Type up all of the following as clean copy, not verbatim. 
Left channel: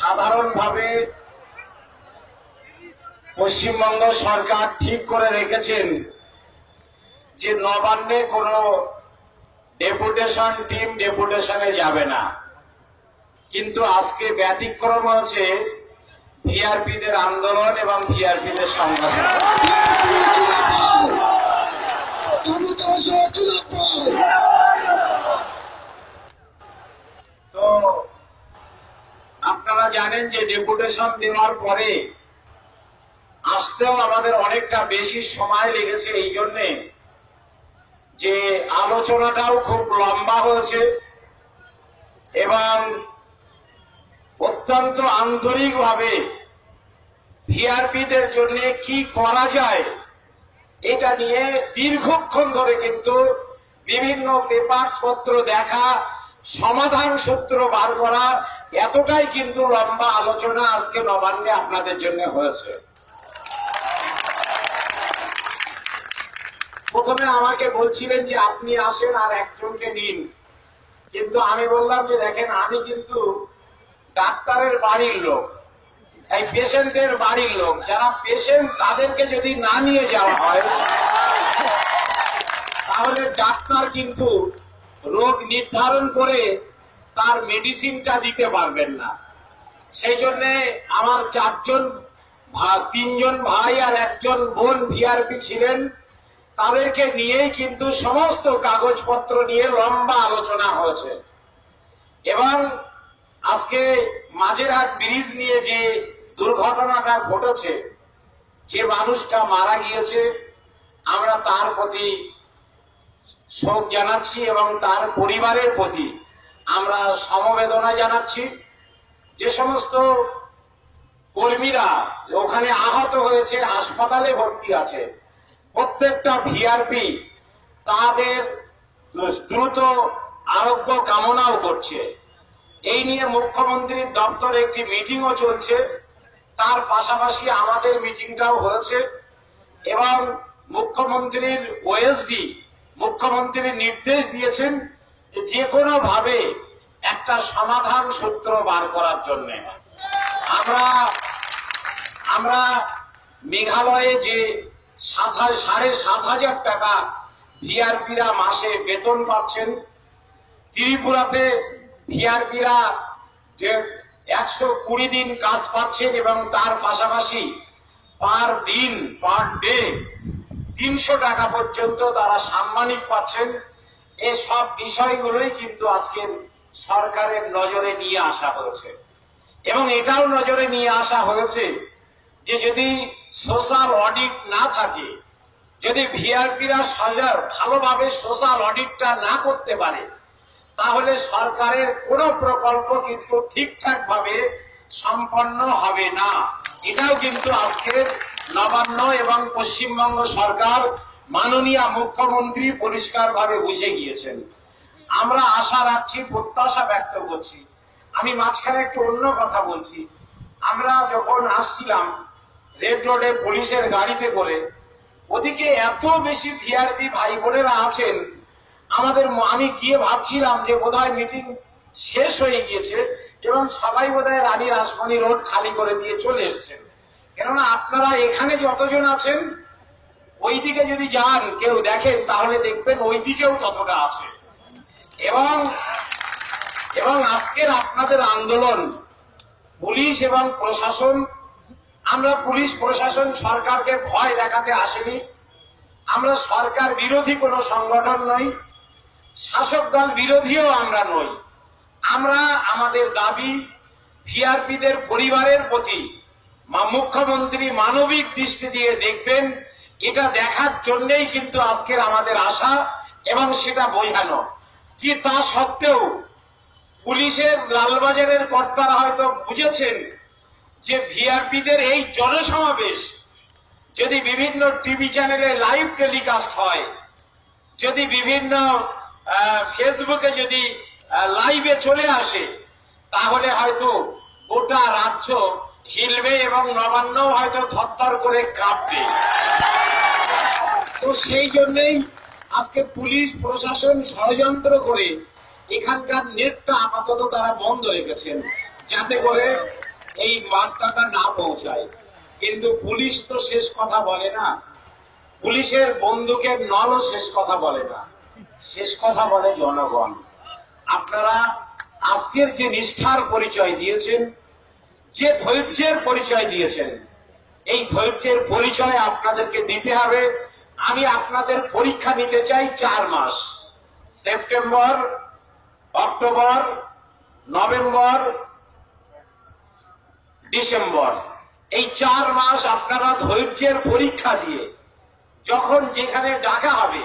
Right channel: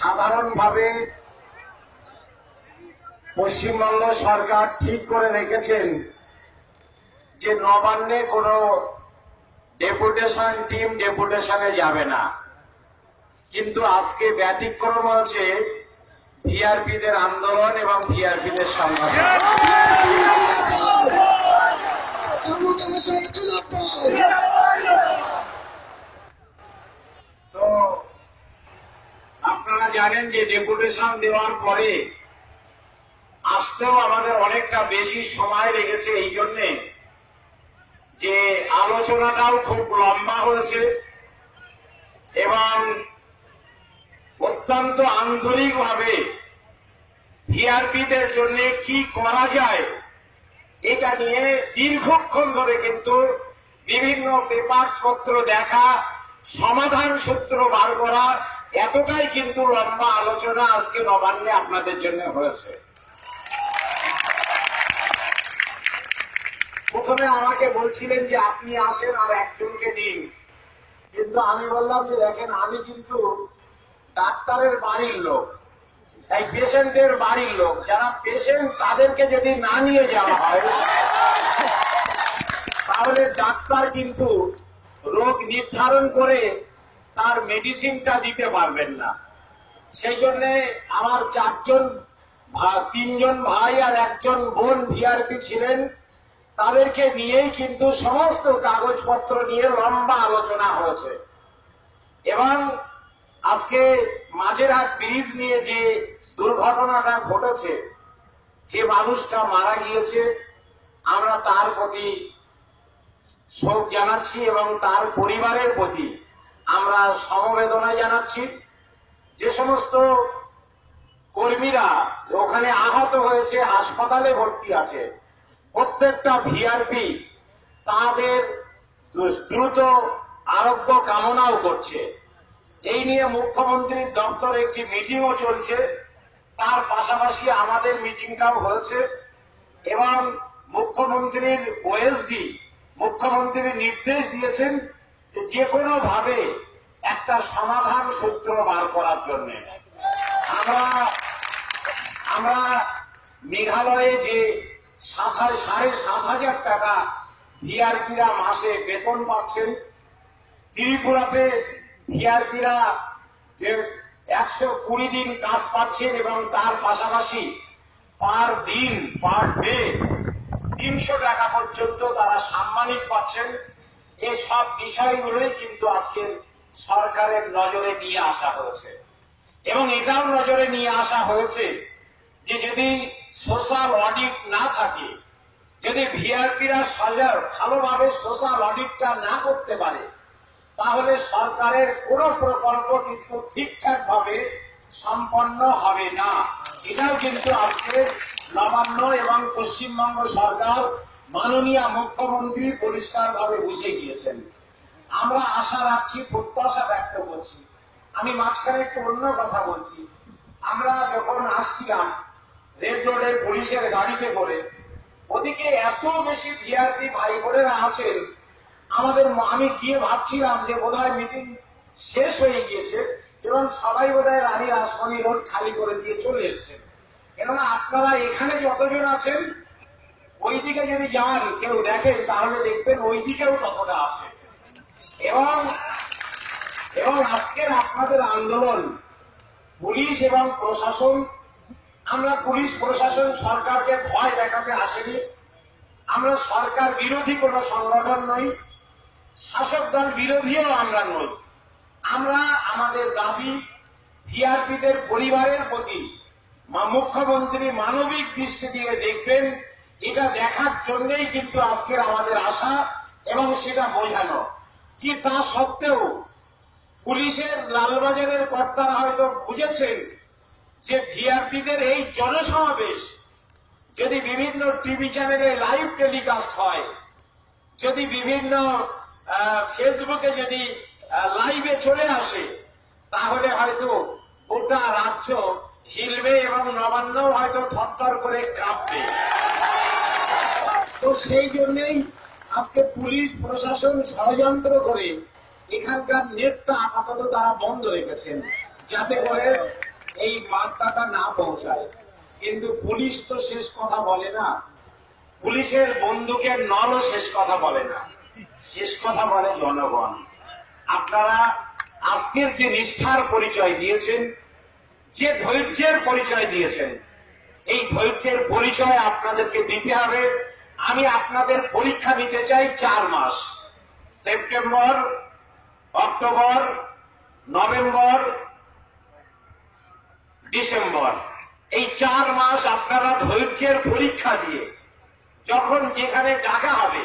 সাধারণভাবে পশ্চিমবঙ্গ সরকার ঠিক করে রেখেছেন যে নবান্নে কোনো টিম ডেপুটেশনে যাবে না, কিন্তু আজকে ব্যতিক্রম হচ্ছে ভিআরপিদের আন্দোলন এবং ভিআরপিদের সংগঠন। তো আপনারা জানেন যে ডেপুটেশন দেওয়ার পরে আসতেও আমাদের অনেকটা বেশি সময় লেগেছে, এই জন্যে যে আলোচনাটাও খুব লম্বা হয়েছে এবং অত্যন্ত আন্তরিকভাবে ভিআরপিদের জন্য কি করা যায় এটা নিয়ে দীর্ঘক্ষণ ধরে কিন্তু বিভিন্ন পেপারস পত্র দেখা, সমাধান সূত্র বার করা, এতটাই কিন্তু লম্বা আলোচনা আজকে নবান্নে আপনাদের জন্য হয়েছে। প্রথমে আমাকে বলছিলেন যে আপনি আসেন আর একজনকে নিন, কিন্তু আমি বললাম যে দেখেন আমি কিন্তু ডাক্তারের বাড়ির লোক, এই পেশেন্টের বাড়ির লোক, যারা পেশেন্ট তাদেরকে যদি না নিয়ে যাওয়া হয় তাহলে ডাক্তার কিন্তু রোগ নির্ধারণ করে তার মেডিসিনটা দিতে পারবেন না। সেই জন্য আমার তিনজন ভাই আর একজন বোন ভিআরপি ছিলেন, তাদেরকে নিয়েই কিন্তু সমস্ত কাগজপত্র নিয়ে লম্বা আলোচনা হয়েছে। এবং আজকে মাঝেরহাট ব্রিজ নিয়ে যে দুর্ঘটনাটা ঘটেছে, যে মানুষটা মারা গিয়েছে, আমরা তার প্রতি শোক জানাচ্ছি এবং তার পরিবারের প্রতি আমরা সমবেদনা জানাচ্ছি। যে সমস্ত কর্মীরা ওখানে আহত হয়েছে, হাসপাতালে ভর্তি আছে, প্রত্যেকটা ভিআরপি তাদের দ্রুত আরোগ্য কামনাও করছে। এই নিয়ে মুখ্যমন্ত্রীর দপ্তরে একটি মিটিংও চলছে, তার পাশাপাশি আমাদের মিটিংটাও হয়েছে এবং মুখ্যমন্ত্রীর ওএসডি মুখ্যমন্ত্রী নির্দেশ দিয়েছেন যে কোনো ভাবে একটা সমাধান সূত্র বার করার জন্য। আমরা মেঘালয়ে যে 7,500 টাকা ভিআরপিরা মাসে বেতন পাচ্ছেন, ত্রিপুরাতে ভিআরপিরা 120 দিন কাজ পাচ্ছেন এবং তার পাশাপাশি পার ডে 300 টাকা পর্যন্ত তারা সাম্মানিক পাচ্ছেন। এই সব বিষয়গুলোই কিন্তু আজকের সরকারের নজরে নিয়ে আসা হয়েছে এবং এটাও নজরে নিয়ে আসা হয়েছে যে যদি সোশ্যাল অডিট না থাকে, যদি ভিআরপিরা ভালোভাবে সোশ্যাল অডিটটা না করতে পারে, তাহলে সরকারের কোন প্রকল্প কিন্তু ঠিকঠাক ভাবে সম্পন্ন হবে না। এটাও কিন্তু আজকের নবান্ন এবং পশ্চিমবঙ্গ সরকার মাননীয় মুখ্যমন্ত্রী পরিষ্কারভাবে বুঝে গিয়েছেন। আমরা আশা রাখছি, প্রত্যাশা ব্যক্ত করছি। আমি মাঝখানে একটু অন্য কথা বলছি। আমরা যখন আসছিলাম রেড রোডে পুলিশের গাড়িতে করে, ওদিকে এত বেশি ভিআরপি ভাই বোনেরা আছেন, আমি গিয়ে ভাবছিলাম যে বোধহয় মিটিং শেষ হয়ে গিয়েছে এবং সবাই বোধহয় রানী রাসমণি রোড খালি করে দিয়ে চলে এসছেন। কেননা আপনারা এখানে যতজন আছেন, ওইদিকে যদি যান কেউ দেখেন তাহলে দেখবেন ওইদিকেও ততটা আছে। এবং আজকের আপনাদের আন্দোলন, পুলিশ এবং প্রশাসন, আমরা পুলিশ প্রশাসন সরকারকে ভয় দেখাতে আসেনি। আমরা সরকার বিরোধী কোন সংগঠন নই, শাসক দল বিরোধীও আমরা নই। আমরা আমাদের দাবি ভিআরপিদের পরিবারের প্রতি মুখ্যমন্ত্রী মানবিক দৃষ্টি দিয়ে দেখবেন, এটা দেখার জন্যই কিন্তু আজকের আমাদের আশা এবং সেটা বোঝানো। কি তা সত্ত্বেও পুলিশের লালবাজারের কর্তারা হয়তো বুঝেছেন যে ভিআরপিদের এই জনসমাবেশ যদি বিভিন্ন টিভি চ্যানেলে লাইভ টেলিকাস্ট হয়, যদি বিভিন্ন ফেসবুকে যদি লাইভে চলে আসে, তাহলে হয়তো গোটা রাজ্য হিলবে এবং নবান্ন হয়তো থরথর করে কাঁপবে। তো সেই জন্যই আজকে পুলিশ প্রশাসন ষড়যন্ত্র করে এখানকার নেটটা আপাতত তারা বন্ধ রেখেছেন, যাতে করে এই বার্তাটা না পৌঁছায়। কিন্তু পুলিশ তো শেষ কথা বলে না, পুলিশের বন্দুকের নলও শেষ কথা বলে না, শেষ কথা বলে জনগণ। আপনারা আজকের যে নিষ্ঠার পরিচয় দিয়েছেন, যে ধৈর্যের পরিচয় দিয়েছেন, এই ধৈর্যের পরিচয় আপনাদেরকে দিতে হবে। আমি আপনাদের পরীক্ষা নিতে চাই 4 মাস, সেপ্টেম্বর, অক্টোবর, নভেম্বর, ডিসেম্বর, এই 4 মাস আপনারা ধৈর্যের পরীক্ষা দিয়ে যখন যেখানে ডাকা হবে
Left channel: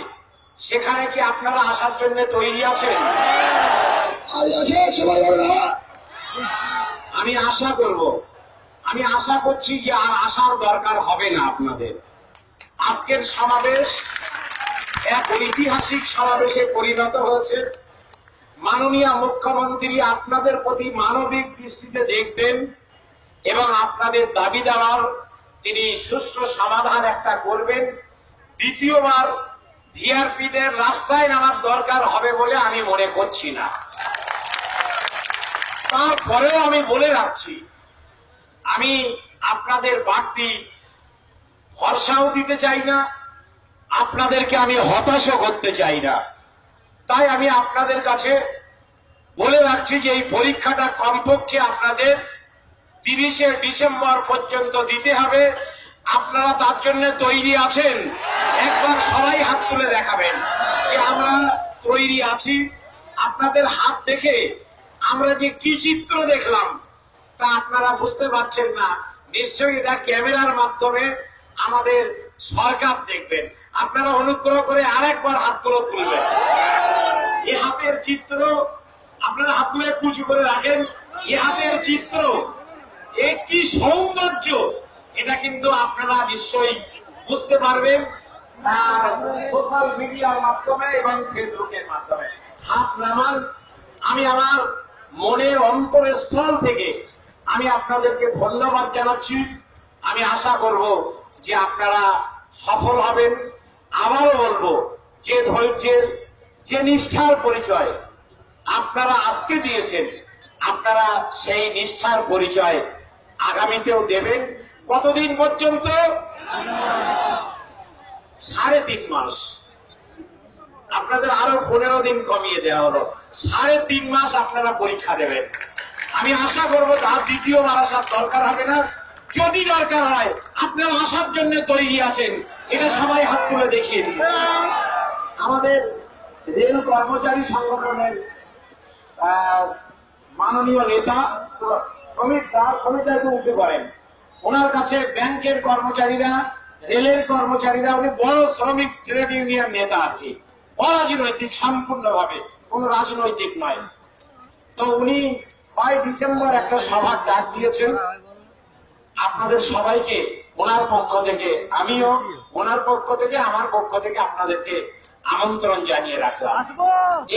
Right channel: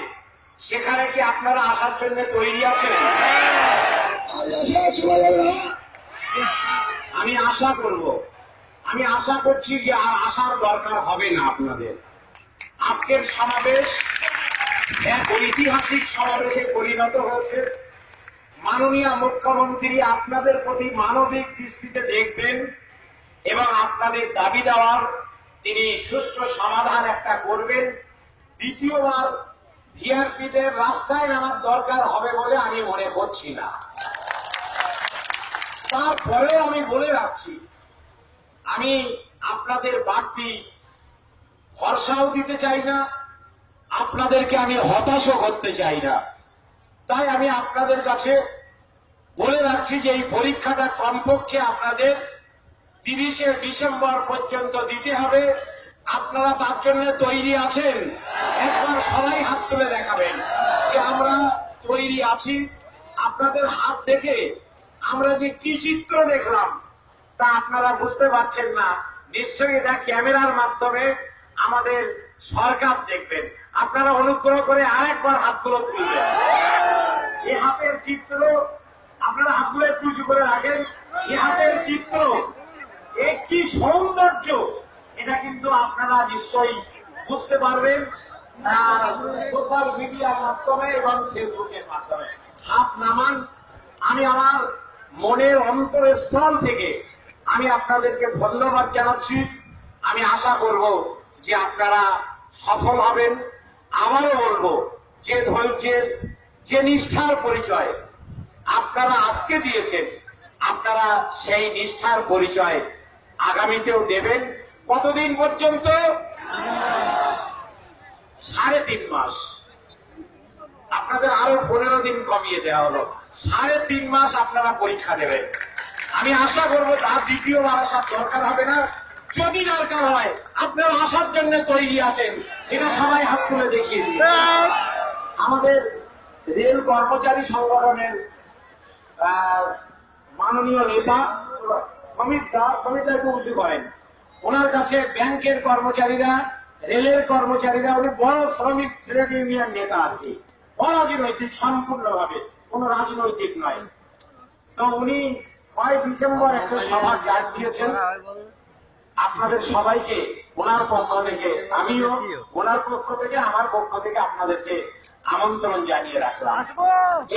সেখানে কি আপনারা আসার জন্য তৈরি আছেন? আমি আশা করব, আমি আশা করছি যে আর আসার দরকার হবে না আপনাদের। আজকের সমাবেশ এক ঐতিহাসিক সমাবেশে পরিণত হয়েছে। মাননীয় মুখ্যমন্ত্রী আপনাদের প্রতি মানবিক দৃষ্টিতে দেখবেন এবং আপনাদের দাবি দেওয়ার তিনি সুষ্ঠু সমাধান একটা করবেন। দ্বিতীয়বার ভিআরপিদের রাস্তায় নামার দরকার হবে বলে আমি মনে করছি না। তারপরেও আমি বলে রাখছি, আমি আপনাদের বাড়তি ভরসাও দিতে চাই না, আপনাদেরকে আমি হতাশও করতে চাই না। তাই আমি আপনাদের কাছে বলে রাখছি যে এই পরীক্ষাটা কমপক্ষে আপনাদের 30শে ডিসেম্বর পর্যন্ত দিতে হবে। আপনারা তার জন্য তৈরি আছেন? একবার সবাই হাত তুলে দেখাবেন যে আমরা তৈরি আছি। আপনাদের হাত দেখে আমরা যে কি চিত্র দেখলাম তা আপনারা বুঝতে পারছেন না। নিশ্চয়ই এটা ক্যামেরার মাধ্যমে আমাদের সরকার দেখবেন। আপনারা অনুগ্রহ করে আরেকবার হাতগুলো তুলবেন। এই হাতের চিত্র, আপনারা হাতগুলো একটু উঁচু করে রাখেন। এই হাতের চিত্র, এ কি সৌন্দর্য, এটা কিন্তু আপনারা নিশ্চয়ই বুঝতে পারবেন সোশ্যাল মিডিয়ার মাধ্যমে এবং ফেসবুকের মাধ্যমে। হাত নামান। আমি আমার মনের অন্তরস্থল থেকে আমি আপনাদেরকে ধন্যবাদ জানাচ্ছি। আমি আশা করব যে আপনারা সফল হবেন। আবারও বলবো যে ধৈর্যের, যে নিষ্ঠার পরিচয় আপনারা আজকে দিয়েছেন, আপনারা সেই নিষ্ঠার পরিচয় আগামীতেও দেবেন। কতদিন পর্যন্ত? 3.5 মাস। আপনাদের আরো 15 দিন কমিয়ে দেওয়া হলো। 3.5 মাস আপনারা পরীক্ষা দেবেন। আমি আশা করব তার দ্বিতীয়বার আসার দরকার হবে না। যদি দরকার হয় আপনারা আসার জন্য তৈরি আছেন, এটা সবাই হাত তুলে দেখিয়ে দিন। আমাদের রেল কর্মচারী সংগঠনের মাননীয় নেতা শ্রমিকরা একটু উঠে পড়েন। ওনার কাছে ব্যাংকের কর্মচারীরা, রেলের কর্মচারীরা, উনি বড় শ্রমিক ট্রেড ইউনিয়ন নেতা আর কি, অরাজনৈতিক, সম্পূর্ণভাবে কোন রাজনৈতিক নয়। তো উনি 5 ডিসেম্বর একটা সভার ডাক দিয়েছেন। আপনাদের সবাইকে ওনার পক্ষ থেকে, আমিও ওনার পক্ষ থেকে, আমার পক্ষ থেকে আপনাদেরকে আমন্ত্রণ জানিয়ে রাখলাম।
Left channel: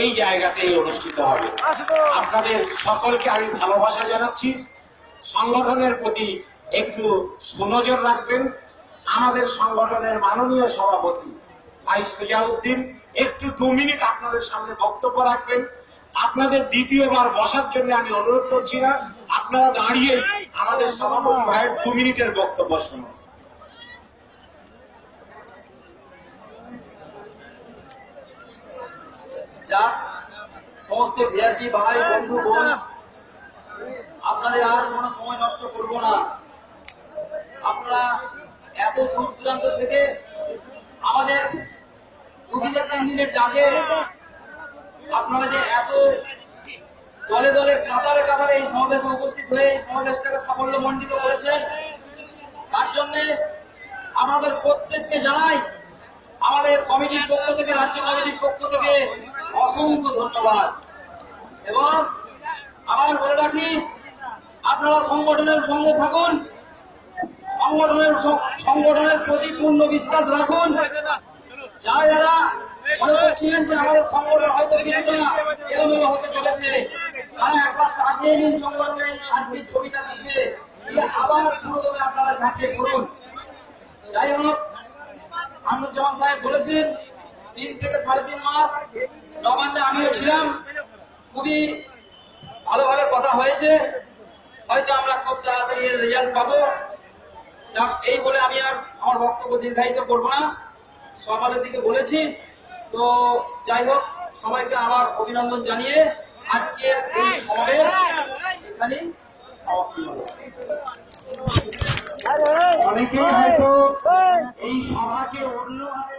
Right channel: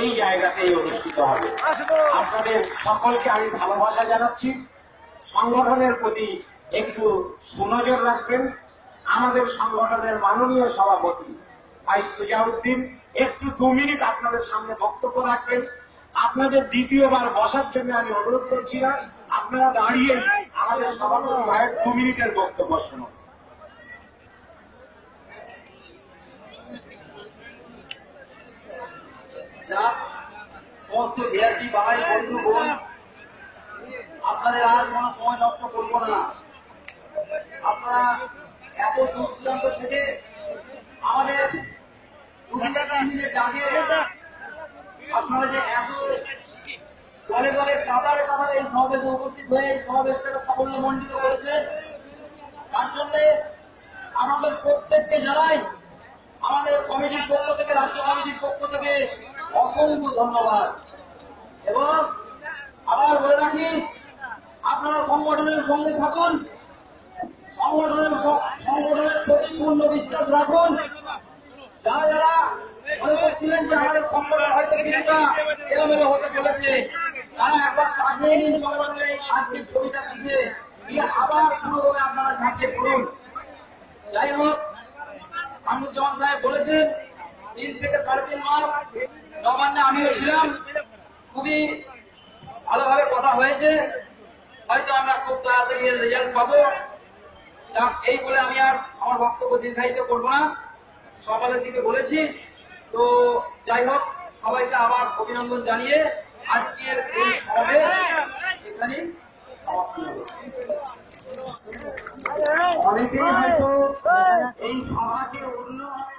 এই জায়গাতেই অনুষ্ঠিত হবে। আপনাদের সকলকে আমি ভালোবাসা জানাচ্ছি। সংগঠনের প্রতি একটু সুনজর রাখবেন। আমাদের সংগঠনের মাননীয় সভাপতি ভাই সুজাউদ্দিন একটু 2 মিনিট আপনাদের সামনে বক্তব্য রাখবেন। আপনাদের দ্বিতীয়বার বসার জন্য আমি অনুরোধ করছি না, আপনারা দাঁড়িয়েই আমাদের সভাপতি ভাইয়ের 2 মিনিটের বক্তব্য শুনুন। যা সমস্ত ভিআরপি ভাই বন্ধু বোন, আপনাদের আর কোন সময় নষ্ট করবো না। আপনারা এত দূর দূরান্ত থেকে আমাদের 2-3 দিনের ডাকে আপনারা যে এত দলে দলে কাতারে কাতারে এই সমাবেশে উপস্থিত হয়ে এই সমাবেশটাকে সাফল্যমণ্ডিত করেছেন, তার জন্য আমাদের প্রত্যেককে জানাই আমাদের কমিটির পক্ষ থেকে, রাজ্য কমিটির পক্ষ থেকে অসংখ্য ধন্যবাদ। এবং আবার বলে রাখি, আপনারা সংগঠনের সঙ্গে থাকুন, সংগঠনের প্রতি পূর্ণ বিশ্বাস রাখুন। যারা যারা মনে করছিলেন যে আমাদের সংগঠন হয়তো কিছুটা এলোমেলো হতে চলেছে, তারা একবার তাকিয়ে নিন সংগঠনের আজকের ছবিটা দিবে, আবার পুরোদমে আপনারা ঝাঁপিয়ে পড়ুন। যাই হোক, আমিরুজ্জামান সাহেব বলেছেন 3 থেকে 3.5 মাস নবান্নে আমিও ছিলাম, খুবই ভালোভাবে কথা হয়েছে। হয়তো আমরা খুব তাড়াতাড়ি এর রেজাল্ট পাবো। এই বলে আমি আর আমার বক্তব্য দীর্ঘায়িত করবো না, সকালের দিকে বলেছি। তো যাই হোক, সবাইকে আবার অভিনন্দন জানিয়ে আজকের এই সমাবেশ এখানেই সমাপ্তি হলো। অনেকেই হয়তো এই সভাকে অন্যভাবে